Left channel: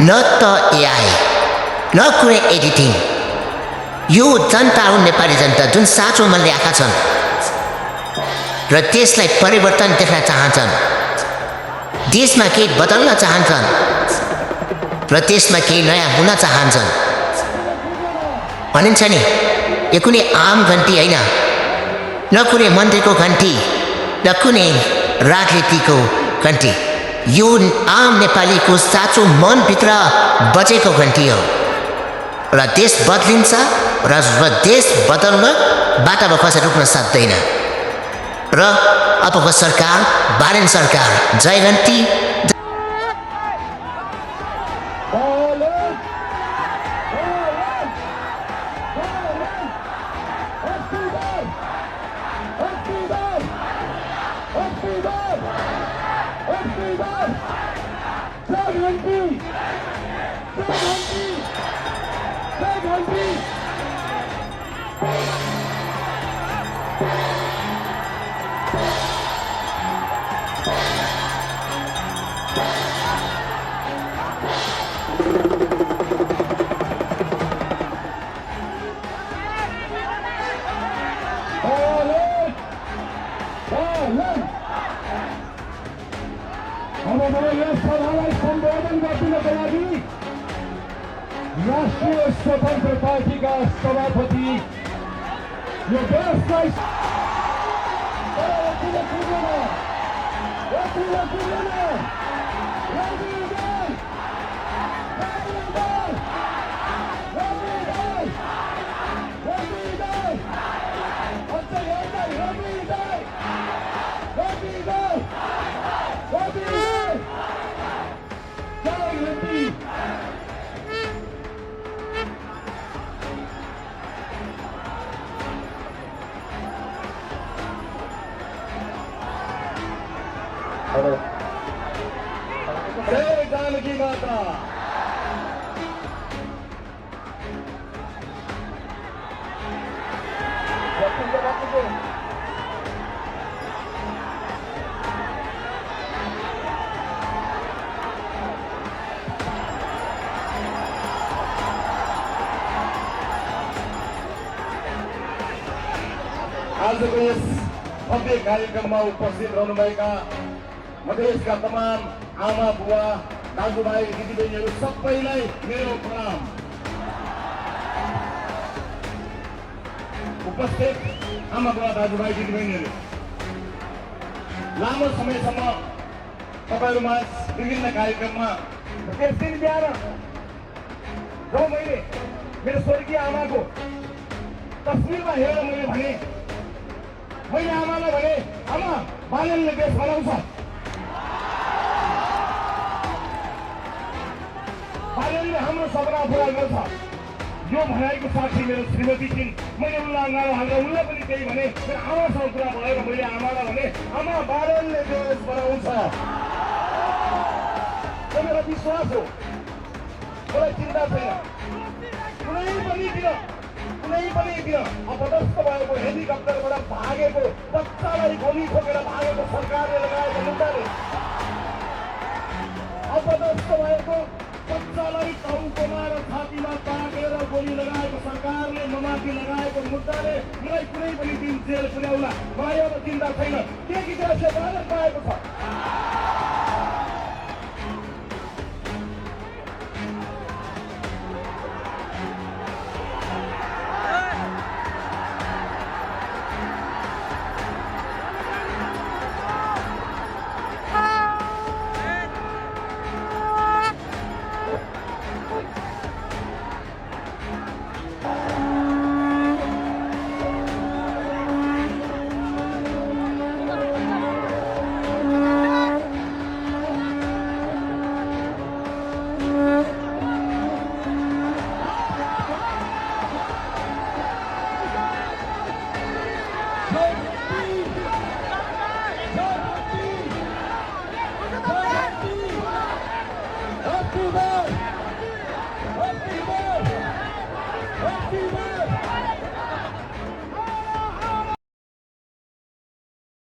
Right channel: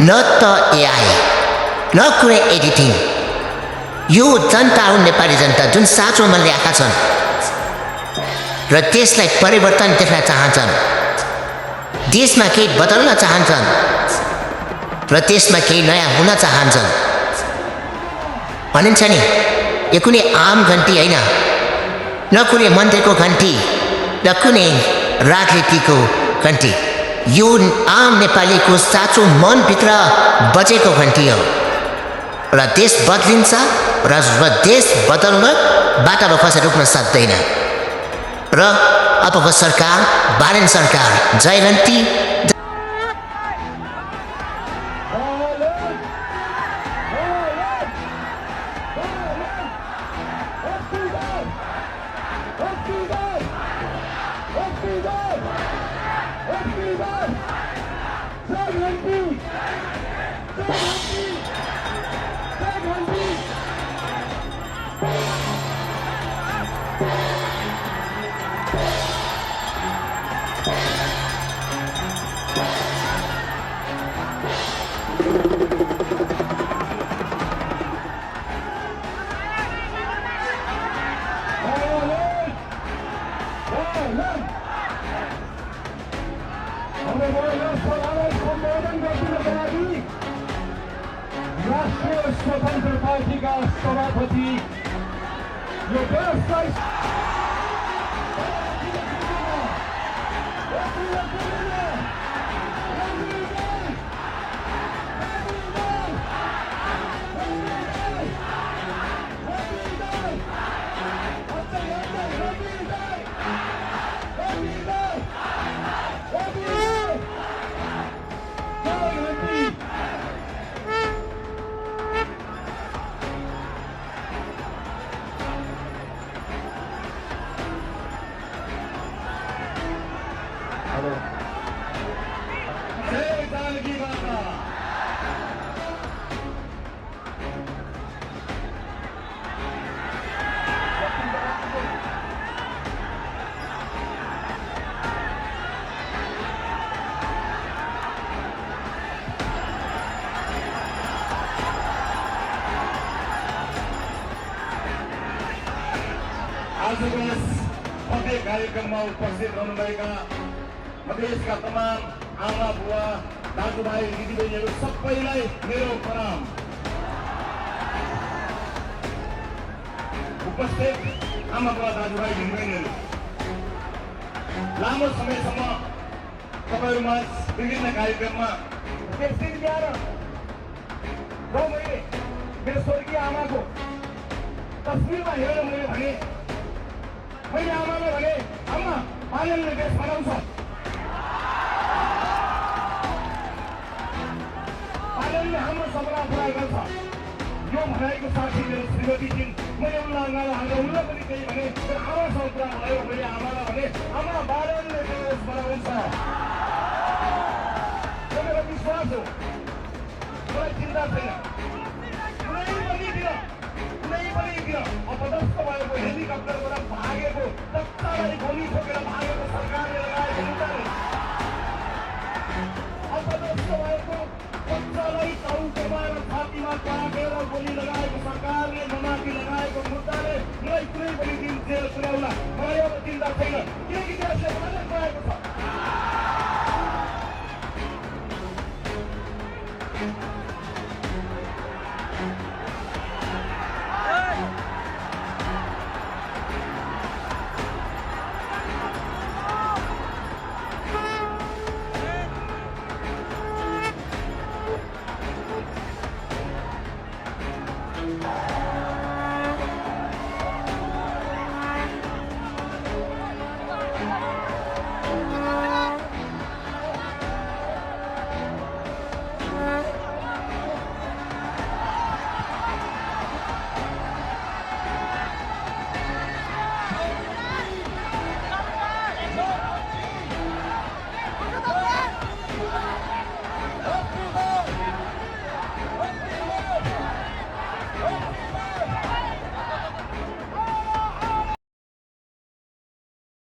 न त एआई न कुनै एडिटिङ। यो जनता हो, नेपाली जनता, जुन साँचो मनले आएका छन् र देशलाई परिवर्तन देख्न चाहन्छन्, देशमा केही बदल्न चाहन्छन् र देशमा केही नयाँ हुन चाहन्छन्। भनिन्छ नि, यो कुनै आम घन्टी होइन, न कुनै मन्त्रीको घन्टी, न कुनै राजनीतिको घन्टी। यो आम नेपालीको साँचो मनभित्र बजेको घन्टी हो र देश बदलिन्छ र देश बदल्नबाट अब कसैले रोक्न सक्दैन। र अबको सरकार, बारेन सरकार, जय घन्टी। राष्ट्रिय स्वतन्त्र पार्टीका सभापति जय जानकी माता। आजको यस भव्य कार्यक्रममा उपस्थित रहनुभएका मधेसका तमाम आमा बुवा दाजुभाइ दिदीबहिनीहरू सबैलाई मेरो प्रणाम। उपस्थित आमा बुवा दाजुभाइ दिदीबहिनीहरू, लामो समयसम्म तपाईँहरूमा विभिन्न कार्यक्रममा त्यस दिन बिहान जब मैले मेरो स्वर्गीय आमाको तस्विरमा हेरेर मैले आमालाई भने, आमा बालनले देश बनाउँछ, बालनले हाम्रो सपना पुरा गर्छ, यो भनाइको साथी मेरो श्रीमती छिन्। मैले उनलाई अगाडि हालेर उनलाई पनि त्यही भने, मेरो आमासँग कुरा भयो। मैले आमालाई भने, आमा बालनले देश बनाउँछ, यो मेरो विश्वास हो। मलाई चिन्ता छैन, कुनै पनि दिन अपदस्थ भएको हेलिकप्टरबाट भागेको बच्चालाई गोली ठोकेर भागेको सरकारले लगाएको मुद्दाले, अपदस्थ भएको बच्चालाई टाउकोमा र छातीमा ताकेर गोली लगाएको सरकारले ममाथि लगाएको मुद्दाले मलाई कुनै पनि दिन जेल पुर्याउला मलाई अब चिन्ता छैन, किनकि देशले बालक पाएको छ।